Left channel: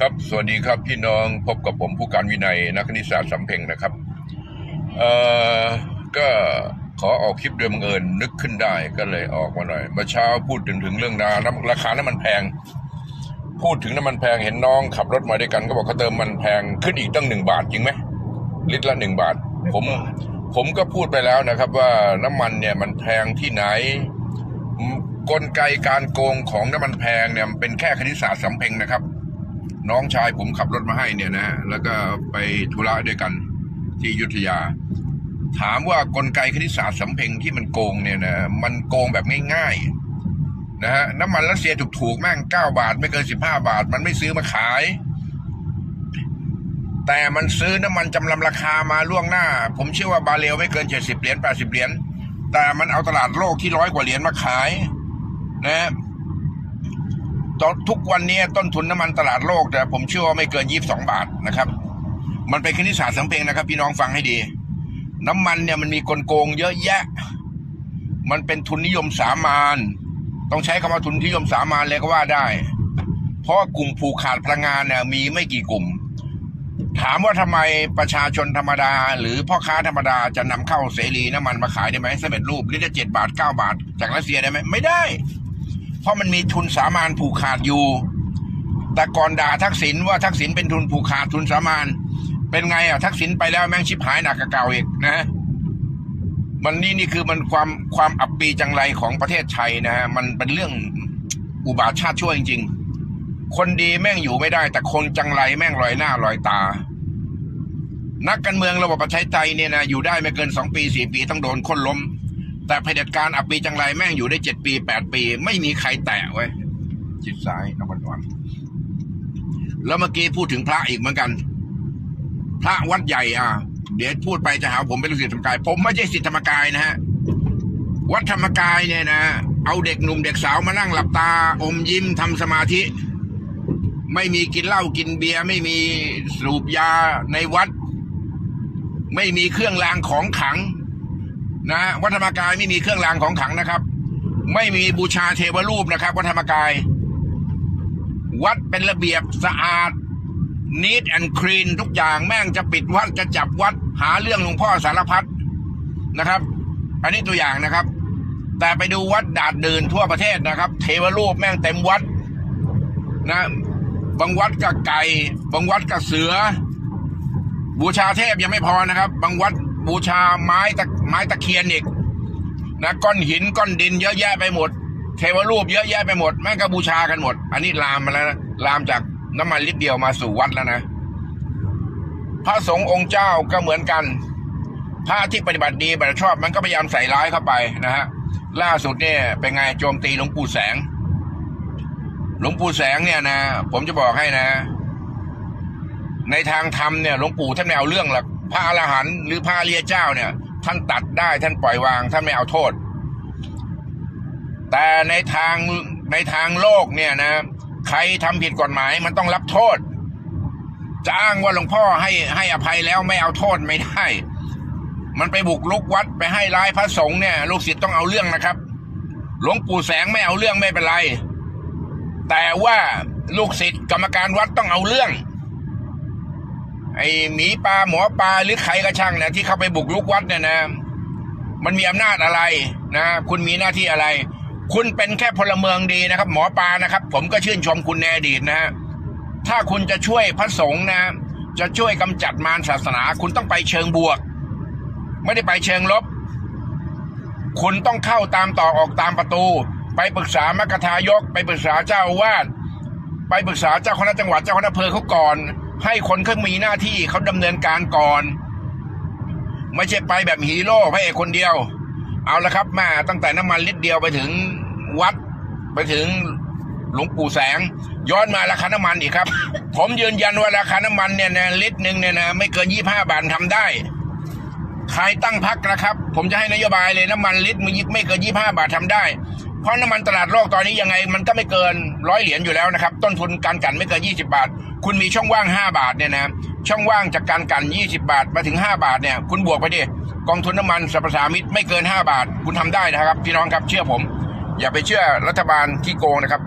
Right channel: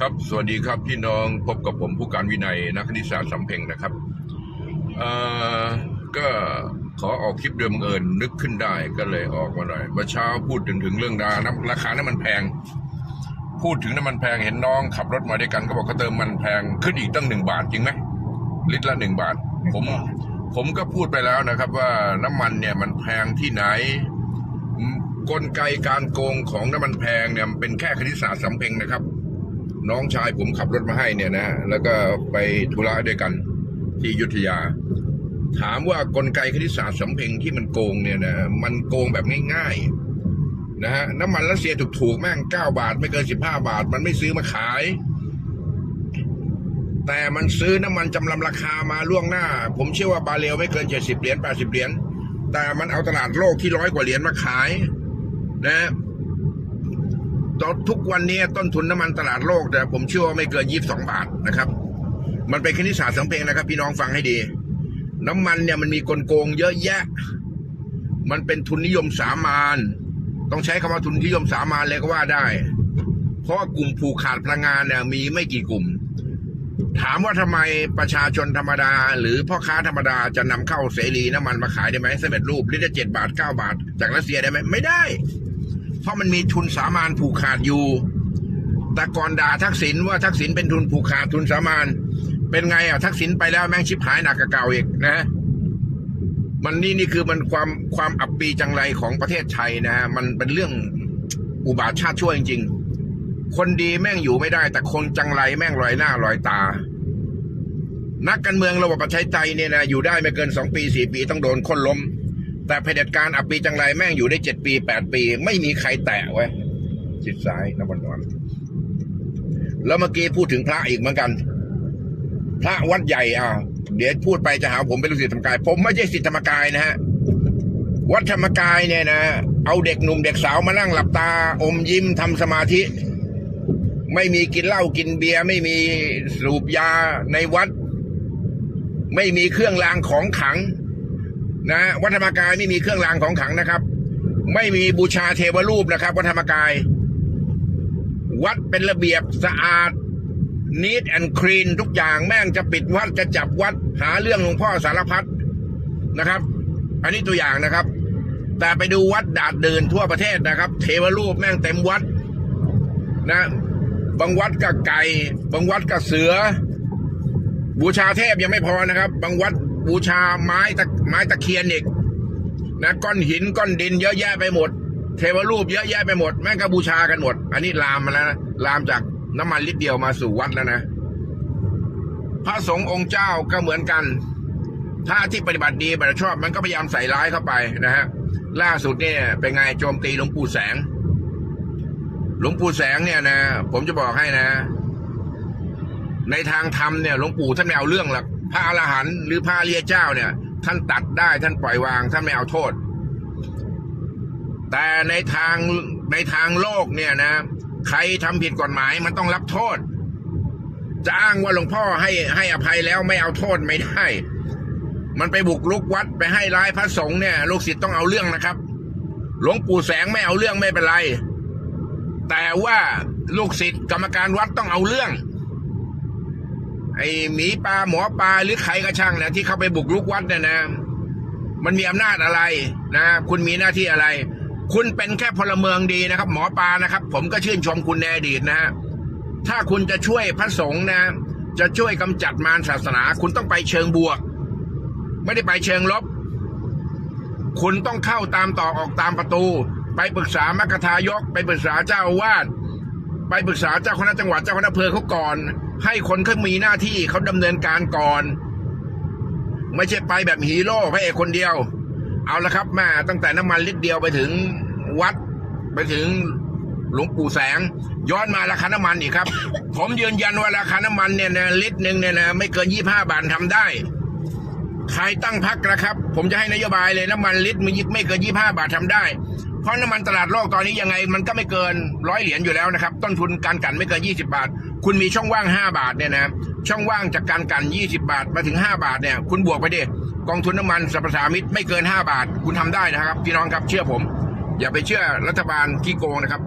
ครับ สวัสดีครับพี่น้องพบกับผมผู้การวินัยนักคณิตศาสตร์สำเพ็งนะครับ เอ่อ ก็ขอออกคลิปโดยบังเอิญนึกขึ้นได้ก็เลยออกมาหน่อย เมื่อเช้าพูดถึงถึงเรื่องราน้ำราคาน้ำมันแพง พูดถึงน้ำมันแพงเห็นน้องขับรถมาด้วยกัน ก็บอกเขาเติมมันแพงขึ้นอีกตั้งหนึ่งบาทจริงไหมลิตรละหนึ่งบาท ผมผมก็พูดไปแล้วนะครับ ว่าน้ำมันเนี่ยมันแพงที่ไหนอืมกลไกการโกงของน้ำมันแพงเนี่ยมันเป็นแค่คณิตศาสตร์สำเพ็งนะครับ น้องชายผมขับรถมาให้เนี่ยนะฮะแล้วก็ไปธุระด้วยกันที่ยุทธยา ถามว่ากลไกคณิตศาสตร์สำเพ็งที่มันโกงเนี่ยนะมันโกงแบบง่ายๆนะฮะน้ำมันรัสเซียถูกๆแม่งเก้าบาท ไม่เกินสิบห้าบาท มันไม่ซื้อมาขาย แต่มันซื้อน้ำมันจำลำราคามาล่วงหน้า ผมเชื่อว่าบาเรลไม่เกินเจ็ดสิบเหรียญแปดสิบเหรียญแต่มันเอาตลาดโลกที่ร้อยกว่าเหรียญมาขายนะฮะ ทุกวันนี้ต้นทุนน้ำมันตลาดโลกแต่ผมเชื่อว่าไม่เกินยี่สิบสองบาทนะครับ มันเป็นคณิตศาสตร์สำเพ็งนะครับ พี่น้องฟังให้ดี น้ำมันเนี่ยมันมีกลโกงเยอะแยะ มันเป็นทุนนิยมสามานต้องใช้คำว่าทุนนิยมสามานเลยก็ว่าได้ เพราะกลุ่มผูกขาดพลังงานเนี่ยมีไม่กี่กลุ่ม ถามว่าทำไมประชาชนธรรมดา หรือพ่อค้าธรรมดาจะนำเข้าเสรีน้ำมันมาขายได้ไหมสำเร็จรูปลิตรเจ็ดบาทเก้าบาท จากรัสเซียได้ไหมไม่ได้ เพราะมันมีทุนสามานผูกขาดอยู่ แต่ก่อนด่าทักษิณว่าทักษิณเป็นทุนผูกขาดทุนสามานเป็นไงอะทักษิณไปแล้วแม่งชิบหายหนักกว่าเก่าอีกนะมันนี่นี่คือมันความความอับปีจังไรของประเทศไทยนะฮะมันเป็นเรื่องอุบาทชาติชั่วจริง ๆ คนดีแม่งอยู่ไม่ได้ แต่คนจังไรแม่งลอยหน้าลอยตา นักการเมืองระบบประชาธิปไตยเนี่ยนะอยู่ได้ไม่เกินสองปีสี่ปีต้องโดนคนล้ม แต่เผด็จการอับปีจังไรแม่งอยู่ได้เจ็ดปีแปดปี ไม่มีใครแตะไว้ยจิตซ้ายน้ำมันอ่อนแล้วเมื่อกี้พูดถึงพระอีกเหมือนกัน พระวัดใหญ่อะเดี๋ยวพูดไปจะหาผมเป็นลูกศิษย์ธรรมกาย ผมไม่ใช่ศิษย์ธรรมกายนะฮะวัดธรรมกายเนี่ยนะเอาเด็กหนุ่มเด็กสาวมานั่งหลับตา อมยิ้มทำสมาธิ ไม่มีกินเหล้ากินเบียร์ไม่มีสูบยาในวัด ไม่มีเครื่องรางของขัง นะวัดธรรมกายไม่มีเครื่องรางของขลังนะครับ ไม่มีบูชาเทวรูปนะครับ วัดธรรมกาย วัดเป็นระเบียบสะอาดนีทแอนคลีนทุกอย่างแม่งจะปิดวัดจะจับวัดหาเรื่องหลวงพ่อสารพัดนะครับ อันนี้ตัวอย่างนะครับ แต่ไปดูวัดดาดเดินทั่วประเทศนะครับ เทวรูปแม่งเต็มวัดนะบางวัดก็ไก่บางวัดก็เสือ บูชาเทพยังไม่พอนะครับ บางวัด บูชาไม้ตะไม้ตะเคียนอีกนะก้อนหินก้อนดินเยอะแยะไปหมด เทวรูปเยอะแยะไปหมดแม่งก็บูชากันหมด อันนี้ลามมาแล้วนะลามจากน้ำมันลิตรเดียวมาสู่วัดแล้วนะ พระสงฆ์องค์เจ้าก็เหมือนกัน พระที่ปฏิบัติดีปฏิบัติชอบมันก็พยายามใส่ร้ายเข้าไปนะฮะล่าสุดเนี่ยเป็นไงโจมตีหลวงปู่แสง หลวงปู่แสงเนี่ยนะ ผมจะบอกให้นะ ในทางธรรมเนี่ยหลวงปู่ท่านไม่เอาเรื่องหรอก พระอรหันต์หรือพระอริยเจ้าเนี่ย ท่านตัดได้ท่านปล่อยวางท่านไม่เอาโทษ แต่ในทางในทางโลกเนี่ยนะ ใครทำผิดกฎหมายมันต้องรับโทษ จะอ้างว่าหลวงพ่อให้ให้อภัยแล้วไม่เอาโทษไม่ได้ มันไปบุกลุกวัดไปให้ร้ายพระสงฆ์เนี่ยลูกศิษย์ต้องเอาเรื่องนะครับ หลวงปู่แสงไม่เอาเรื่องไม่เป็นไร แต่ว่าลูกศิษย์กรรมการวัดต้องเอาเรื่อง ไอ้หมีปลาหมอปลาหรือใครก็ช่างเนี่ยที่เข้าไปบุกลุกวัดเนี่ยนะ มันมีอำนาจอะไรนะคุณมีหน้าที่อะไร คุณเป็นแค่พลเมืองดีนะครับ หมอปลานะครับ ผมก็ชื่นชมคุณในอดีตนะฮะถ้าคุณจะช่วยพระสงฆ์นะ จะช่วยกำจัดมารศาสนา คุณต้องไปเชิงบวก ไม่ได้ไปเชิงลบ คุณต้องเข้าตามต่อออกตามประตู ไปปรึกษามกทายก ไปปรึกษาเจ้าอาวาดไปปรึกษาเจ้าคณะจังหวัดเจ้าคณะอำเภอเขาก่อน ให้คนเขามีหน้าที่เขาดำเนินการก่อน ไม่ใช่ไปแบบฮีโร่พระเอกคนเดียว เอาละครับแม่ตั้งแต่น้ำมันลิตรเดียวไปถึงวัด ไปถึงหลวงปู่แสง ย้อนมาราคาน้ำมันอีกครับ ผมยืนยันว่าราคาน้ำมันเนี่ยนะลิตรหนึ่งเนี่ยนะไม่เกินยี่ห้าบาททำได้ใครตั้งพักนะครับ ผมจะให้นโยบายเลยน้ำมันลิตรไม่ไม่เกินยี่ห้าบาททำได้ เพราะน้ำมันตลาดโลกตอนนี้ยังไงมันก็ไม่เกินร้อยเหรียญอยู่แล้วนะครับ ต้นทุนการกันไม่เกินยี่สิบาท คุณมีช่องว่างห้าบาทเนี่ยนะช่องว่างจากการกันยี่สิบาทมาถึงห้าบาทเนี่ยคุณบวกไปดิกองทุนน้ำมันสรรพสามิตไม่เกินห้าบาท คุณทำได้นะครับ พี่น้องครับเชื่อผม อย่าไปเชื่อรัฐบาลขี้โกงนะครับ